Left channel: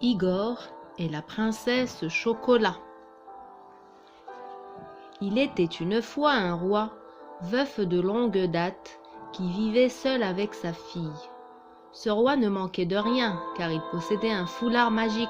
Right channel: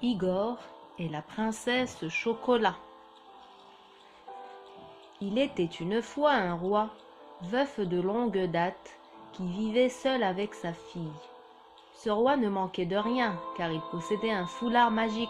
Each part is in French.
Igor et la princesse Chocolat. Il était une fois un roi, veuf de longue date, qui vivait seul avec sa fille. Ce roi ne manquait de rien, car il possédait un foulard magique.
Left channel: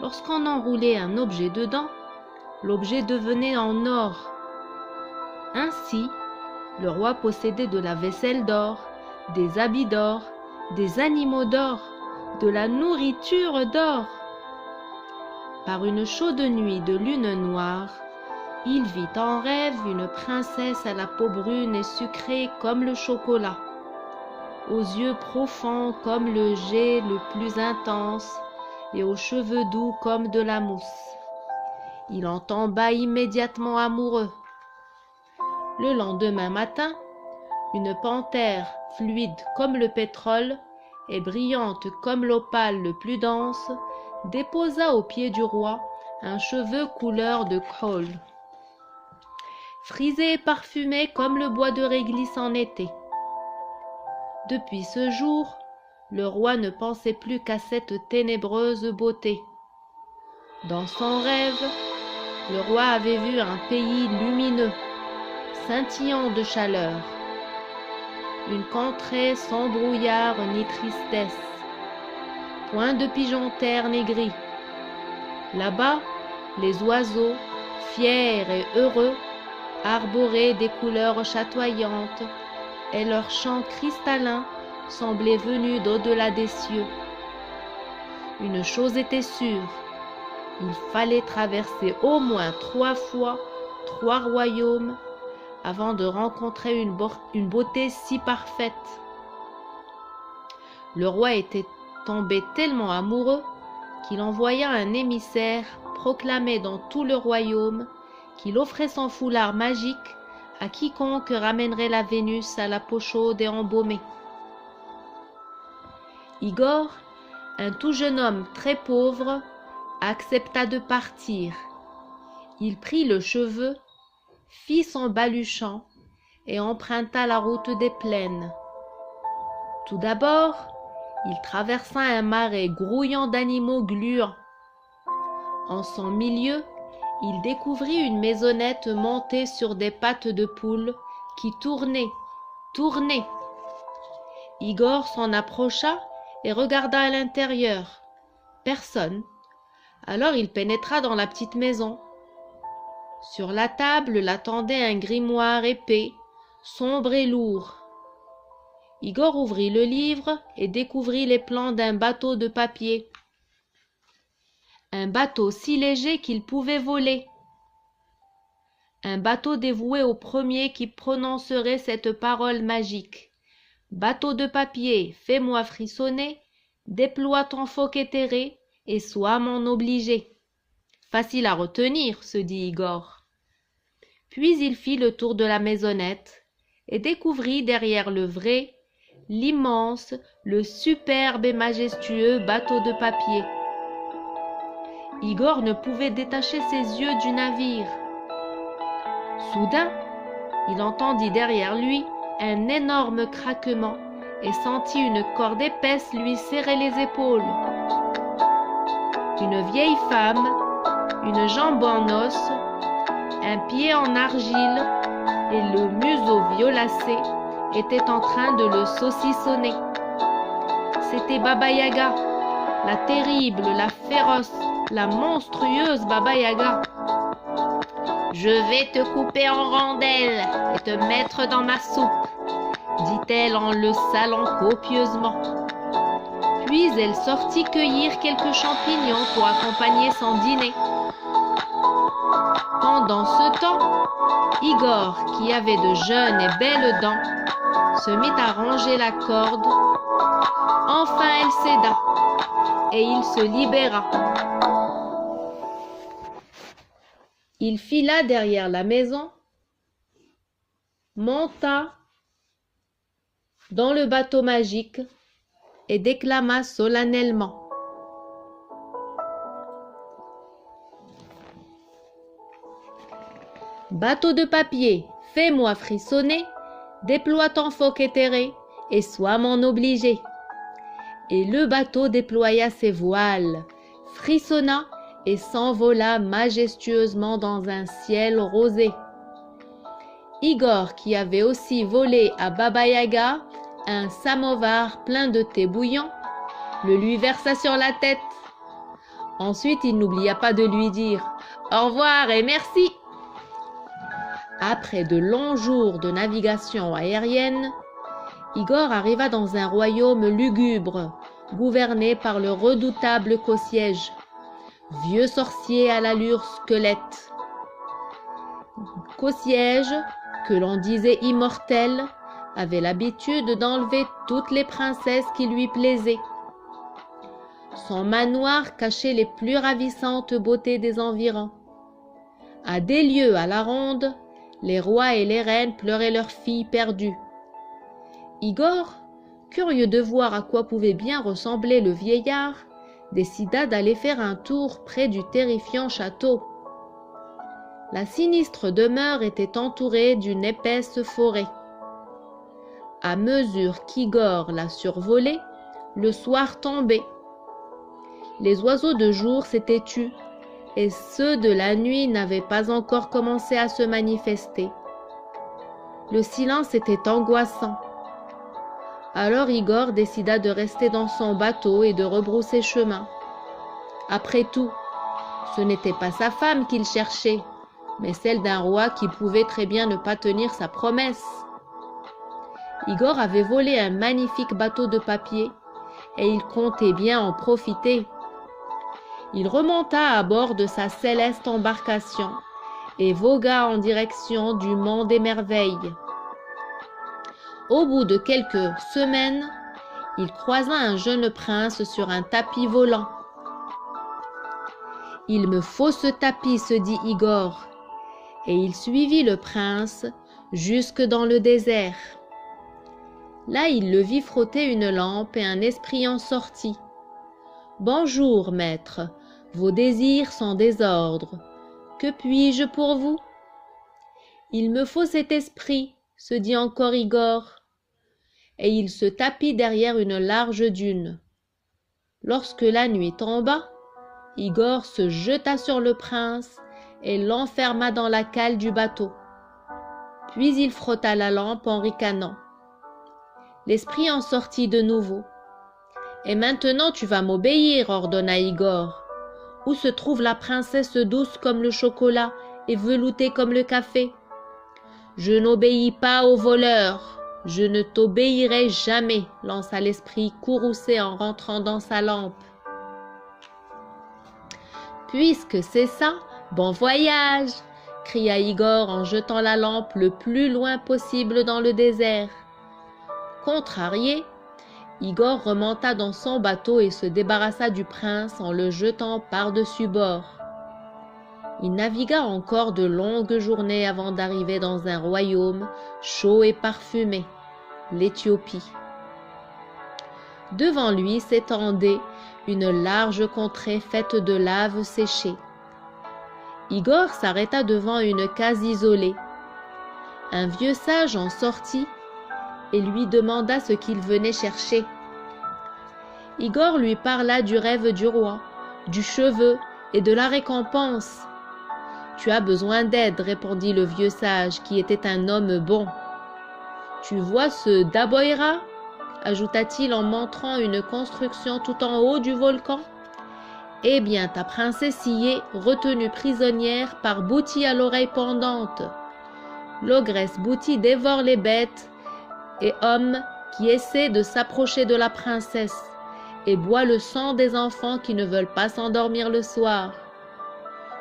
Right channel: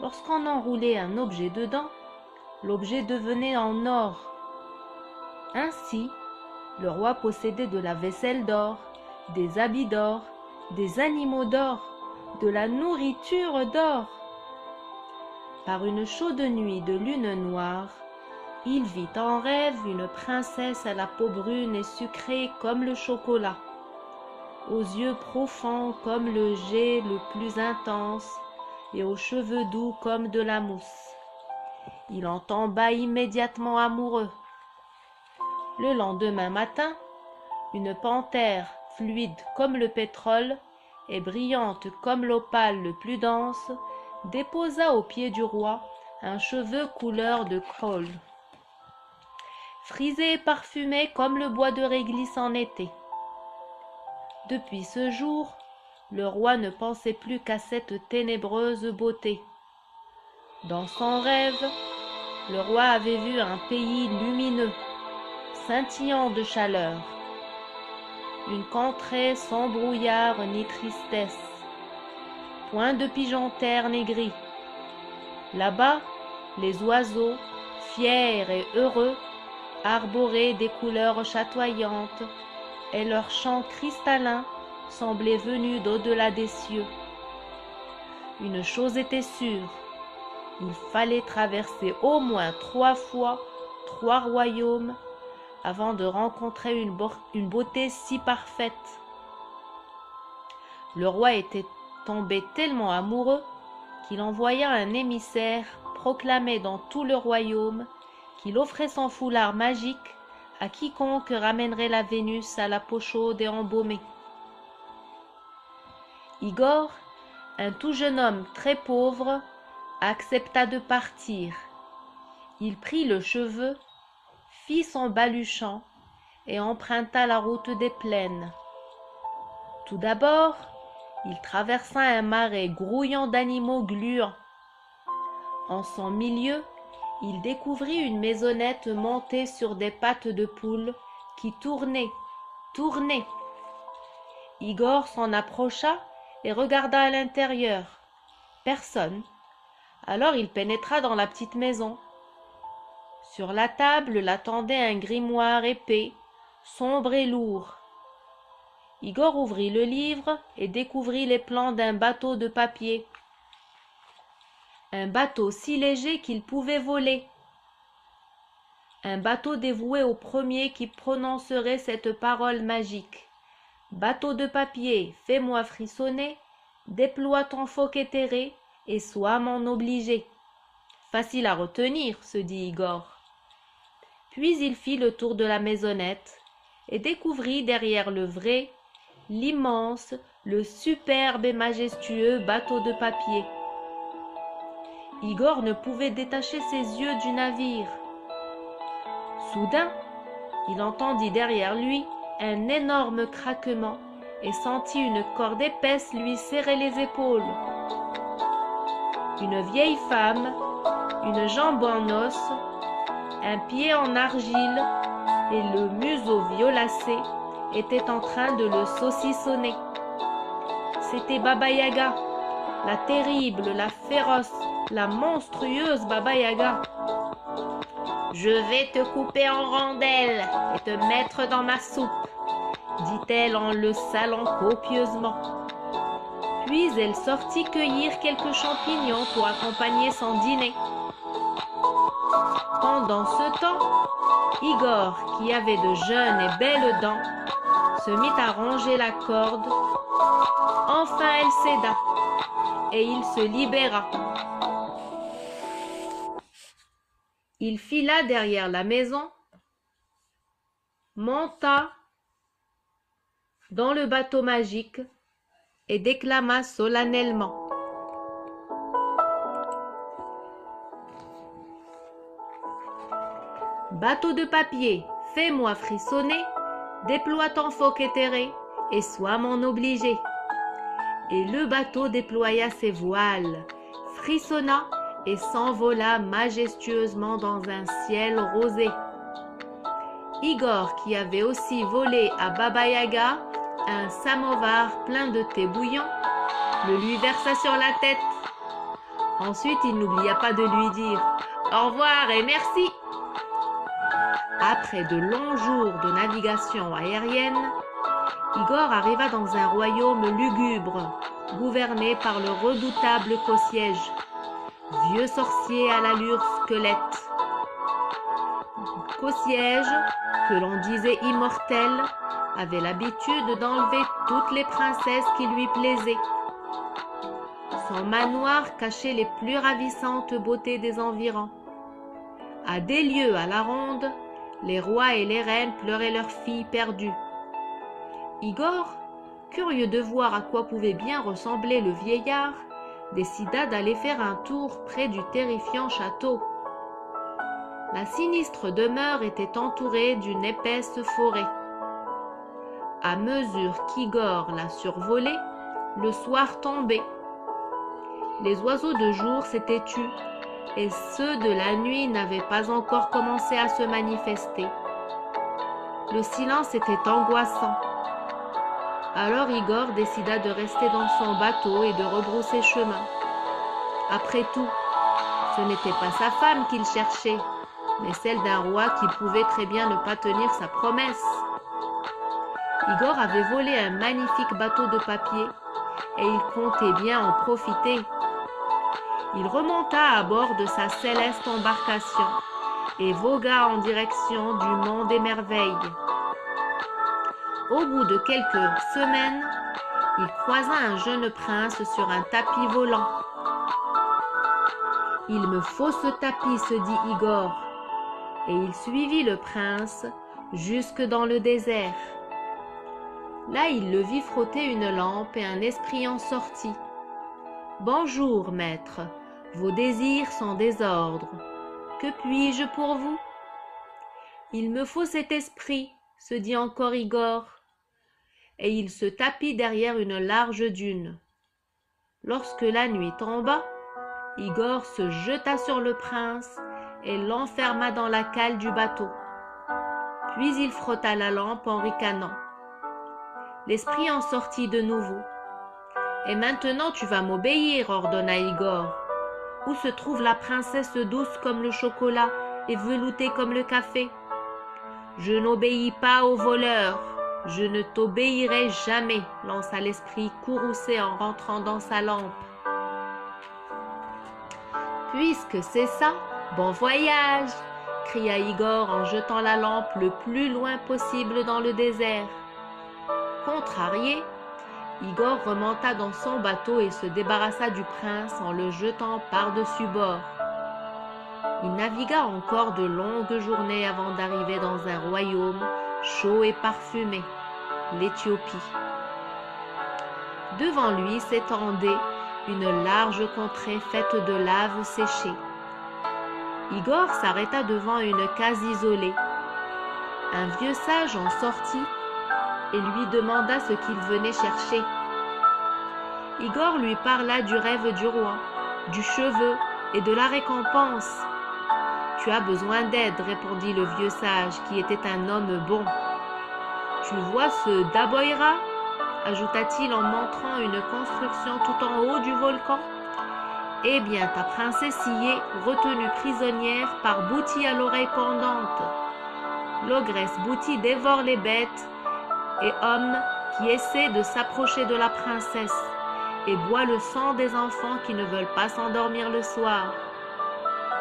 Lorsqu'on enroulait un objet dedans, l'objet devenait en or. Ainsi, le roi possédait de la vaisselle d'or, des habits d'or, des animaux d'or, de la nourriture d'or. Par une chaude nuit de lune noire, il vit en rêve une princesse à la peau brune et sucrée comme le chocolat, aux yeux profonds comme le jet le plus intense et aux cheveux doux comme de la mousse. Il en tomba immédiatement amoureux. Le lendemain matin, une panthère fluide comme le pétrole et brillante comme l'opale le plus dense déposa aux pieds du roi un cheveu couleur de colle, frisé et parfumé comme le bois de réglisse en été. Depuis ce jour, le roi ne pensait plus qu'à cette ténébreuse beauté. Dans son rêve, le roi avait vu un pays lumineux, scintillant de chaleur, une contrée sans brouillard ni tristesse, point de pigeons ternes et gris. Là-bas, les oiseaux, fiers et heureux, arboraient des couleurs chatoyantes, et leurs chants cristallins semblaient venus d'au-delà des cieux. Une chose était sûre, il fallait traverser au moins 3 fois 3 royaumes avant de rencontrer une beauté si parfaite. Le roi était tombé tellement amoureux qu'il envoya un émissaire proclamer dans tout le royaume qu'il offrait son foulard magique à quiconque ramènerait la Vénus à la peau chaude et embaumée. Igor, un tout jeune homme très pauvre, accepta de partir. Il prit le cheveu, fit son baluchon et emprunta la route des plaines. Tout d'abord, il traversa un marais grouillant d'animaux gluants. En son milieu, il découvrit une maisonnette montée sur des pattes de poule qui tournaient. Igor s'en approcha et regarda à l'intérieur. Personne. Alors il pénétra dans la petite maison. Sur la table l'attendait un grimoire épais, sombre et lourd. Igor ouvrit le livre et découvrit les plans d'un bateau de papier. Un bateau si léger qu'il pouvait voler. Un bateau dévoué au premier qui prononcerait cette parole magique. Bateau de papier, fais-moi frissonner, déploie ton fauc éthéré et sois mon obligé. Facile à retenir, se dit Igor. Puis il fit le tour de la maisonnette et découvrit derrière le vrai, l'immense, le superbe et majestueux bateau de papier. Igor ne pouvait détacher ses yeux du navire. Soudain, il entendit derrière lui un énorme craquement et sentit une corde épaisse lui serrer les épaules. Une vieille femme, une jambe en os, un pied en argile et le museau violacé étaient en train de le saucissonner. C'était Baba Yaga, la terrible, la féroce, la monstrueuse Baba Yaga. « Je vais te couper en rondelles et te mettre dans ma soupe, » dit-elle en le salant copieusement. Puis elle sortit cueillir quelques champignons pour accompagner son dîner. Pendant ce temps, Igor, qui avait de jeunes et belles dents, se mit à ronger la corde. Enfin elle céda, et il se libéra. Il fila derrière la maison, monta dans le bateau magique et déclama solennellement. Bateau de papier, fais-moi frissonner, déploie ton fauc éthéré et sois mon obligé. et le bateau déploya ses voiles, frissonna et s'envola majestueusement dans un ciel rosé. Igor, qui avait aussi volé à Baba Yaga un samovar plein de thé bouillant, le lui versa sur la tête. Ensuite, il n'oublia pas de lui dire « Au revoir et merci !» Après de longs jours de navigation aérienne, Igor arriva dans un royaume lugubre, gouverné par le redoutable Kossiège, vieux sorcier à l'allure squelette. Kossiège, que l'on disait immortel, avait l'habitude d'enlever toutes les princesses qui lui plaisaient. Son manoir cachait les plus ravissantes beautés des environs. À des lieues à la ronde, les rois et les reines pleuraient leurs filles perdues. Igor, curieux de voir à quoi pouvait bien ressembler le vieillard, décida d'aller faire un tour près du terrifiant château. La sinistre demeure était entourée d'une épaisse forêt. À mesure qu'Igor la survolait, le soir tombait. Les oiseaux de jour s'étaient tus et ceux de la nuit n'avaient pas encore commencé à se manifester. Le silence était angoissant. Alors Igor décida de rester dans son bateau et de rebrousser chemin. Après tout, ce n'était pas sa femme qu'il cherchait, mais celle d'un roi qui pouvait très bien ne pas tenir sa promesse. Igor avait volé un magnifique bateau de papier et il comptait bien en profiter. Il remonta à bord de sa céleste embarcation et vogua en direction du monde des merveilles. Au bout de quelques semaines, il croisa un jeune prince sur un tapis volant. « Il me faut ce tapis, se dit Igor, et il suivit le prince jusque dans le désert. Là, il le vit frotter une lampe et un esprit en sortit. « Bonjour, maître, vos désirs sont désordres. Que puis-je pour vous ?»« Il me faut cet esprit, se dit encore Igor, et il se tapit derrière une large dune. Lorsque la nuit tomba, Igor se jeta sur le prince et l'enferma dans la cale du bateau. Puis il frotta la lampe en ricanant. L'esprit en sortit de nouveau. « Et maintenant tu vas m'obéir, ordonna Igor. Où se trouve la princesse douce comme le chocolat et veloutée comme le café ? Je n'obéis pas aux voleurs. Je ne t'obéirai jamais, lança l'esprit courroucé en rentrant dans sa lampe. Puisque c'est ça, bon voyage, cria Igor en jetant la lampe le plus loin possible dans le désert. Contrarié, Igor remonta dans son bateau et se débarrassa du prince en le jetant par-dessus bord. Il navigua encore de longues journées avant d'arriver dans un royaume chaud et parfumé, l'Éthiopie. Devant lui s'étendait une large contrée faite de lave séchée. Igor s'arrêta devant une case isolée. Un vieux sage en sortit et lui demanda ce qu'il venait chercher. Igor lui parla du rêve du roi, du cheveu et de la récompense. « Tu as besoin d'aide, répondit le vieux sage, qui était un homme bon. « Tu vois ce Daboira ?» ajouta-t-il en montrant une construction tout en haut du volcan. « Eh bien, ta princesse y est, retenue prisonnière par Bouti à l'oreille pendante. L'ogresse Bouti dévore les bêtes et hommes qui essaient de s'approcher de la princesse et boit le sang des enfants qui ne veulent pas s'endormir le soir.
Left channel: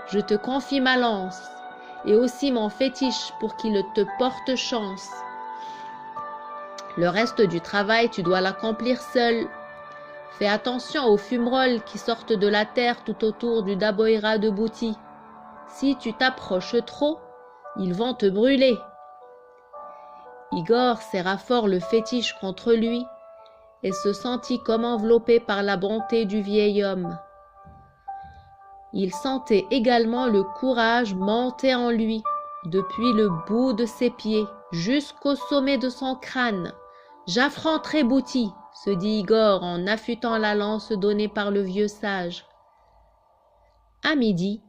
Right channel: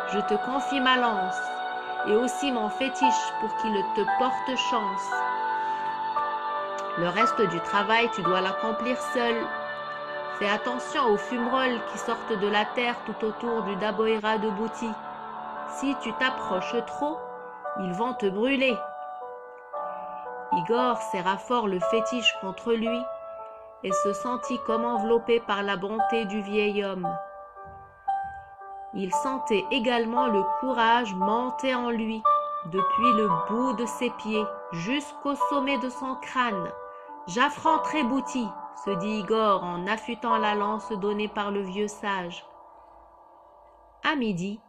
Je te confie ma lance et aussi mon fétiche pour qu'il te porte chance. Le reste du travail, tu dois l'accomplir seul. Fais attention aux fumerolles qui sortent de la terre tout autour du Daboira de Bouti. Si tu t'approches trop, ils vont te brûler. » Igor serra fort le fétiche contre lui et se sentit comme enveloppé par la bonté du vieil homme. Il sentait également le courage monter en lui, depuis le bout de ses pieds jusqu'au sommet de son crâne, « J'affronterai Bouti !» se dit Igor en affûtant la lance donnée par le vieux sage. À midi,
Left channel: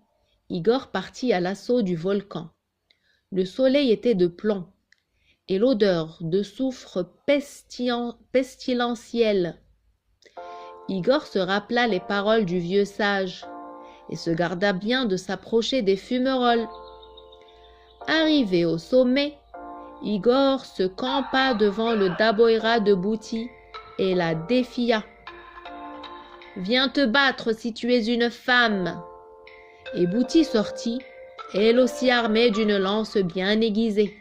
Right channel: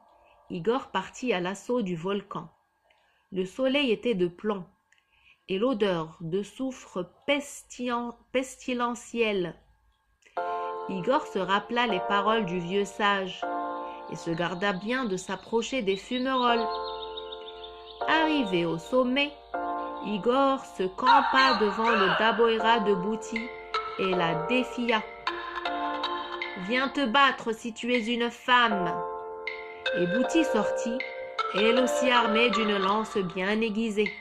Igor partit à l'assaut du volcan. Le soleil était de plomb, et l'odeur de soufre pestilentielle. Igor se rappela les paroles du vieux sage et se garda bien de s'approcher des fumerolles. Arrivé au sommet, Igor se campa devant le daboïra de Bouti et la défia. « Viens te battre si tu es une femme !» Et Bouti sortit, elle aussi armée d'une lance bien aiguisée.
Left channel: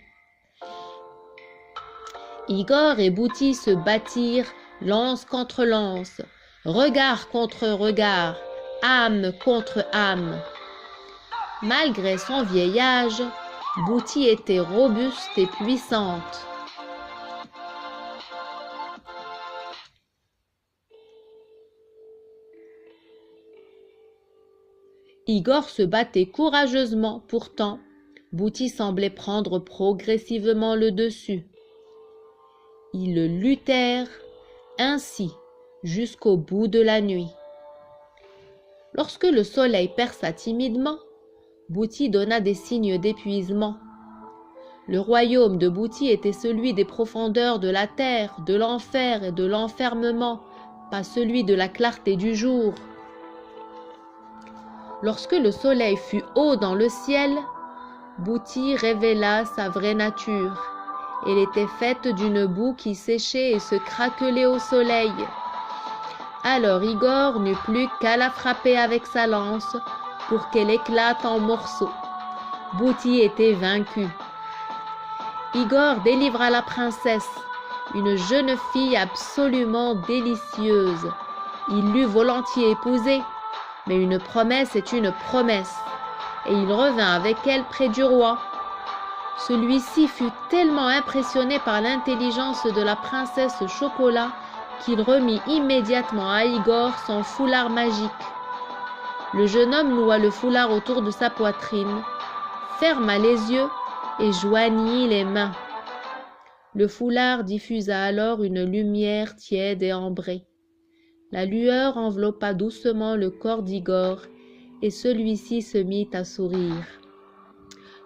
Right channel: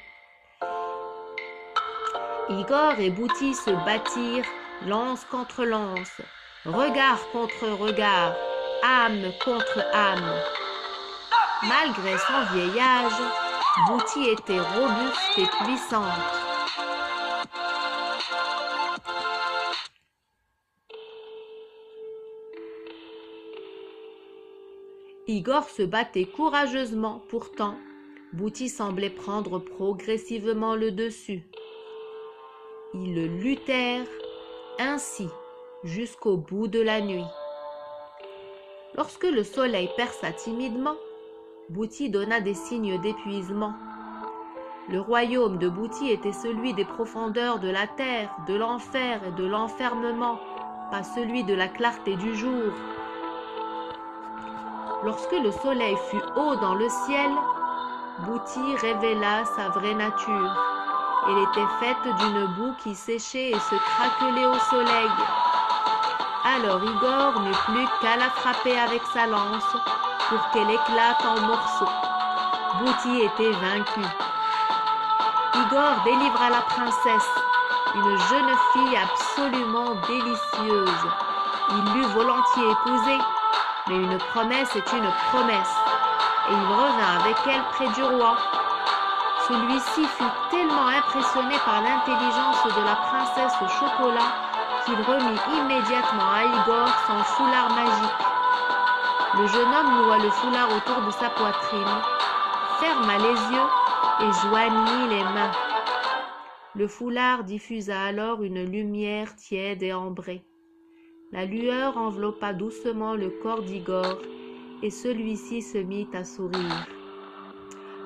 Igor et Bouti se battirent lance contre lance, regard contre regard, âme contre âme. Malgré son vieil âge, Bouti était robuste et puissante. Igor se battait courageusement, pourtant, Bouti semblait prendre progressivement le dessus. Ils luttèrent ainsi jusqu'au bout de la nuit. Lorsque le soleil perça timidement, Bouti donna des signes d'épuisement. Le royaume de Bouti était celui des profondeurs de la terre, de l'enfer et de l'enfermement, pas celui de la clarté du jour. Lorsque le soleil fut haut dans le ciel, Bouti révéla sa vraie nature. Elle était faite d'une boue qui séchait et se craquelait au soleil. Alors Igor n'eut plus qu'à la frapper avec sa lance pour qu'elle éclate en morceaux. Bouti était vaincu. Igor délivra la princesse, une jeune fille absolument délicieuse. Il l'eût volontiers épousée, mais une promesse est une promesse, et il revint avec elle près du roi. Celui-ci fut tellement impressionné par l'intelligence de la princesse Chocolat qu'il remit immédiatement à Igor son foulard magique. Le jeune homme noua le foulard autour de sa poitrine, ferma les yeux et joignit les mains. Le foulard diffusa alors une lumière tiède et ambrée. La lueur enveloppa doucement le corps d'Igor et celui-ci se mit à sourire.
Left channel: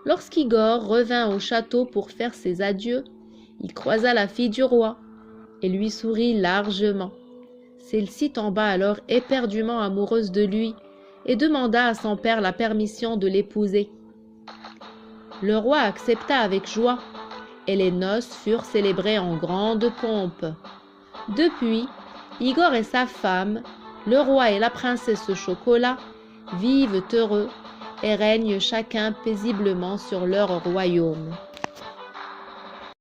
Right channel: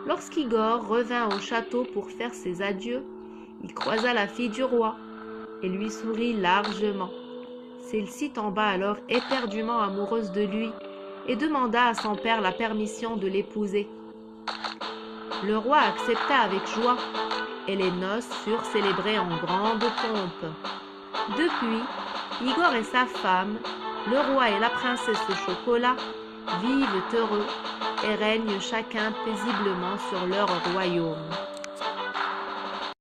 Lorsqu'Igor revint au château pour faire ses adieux, il croisa la fille du roi et lui sourit largement. Celle-ci tomba alors éperdument amoureuse de lui et demanda à son père la permission de l'épouser. Le roi accepta avec joie et les noces furent célébrées en grande pompe. Depuis, Igor et sa femme, le roi et la princesse Chocolat, vivent heureux et règnent chacun paisiblement sur leur royaume.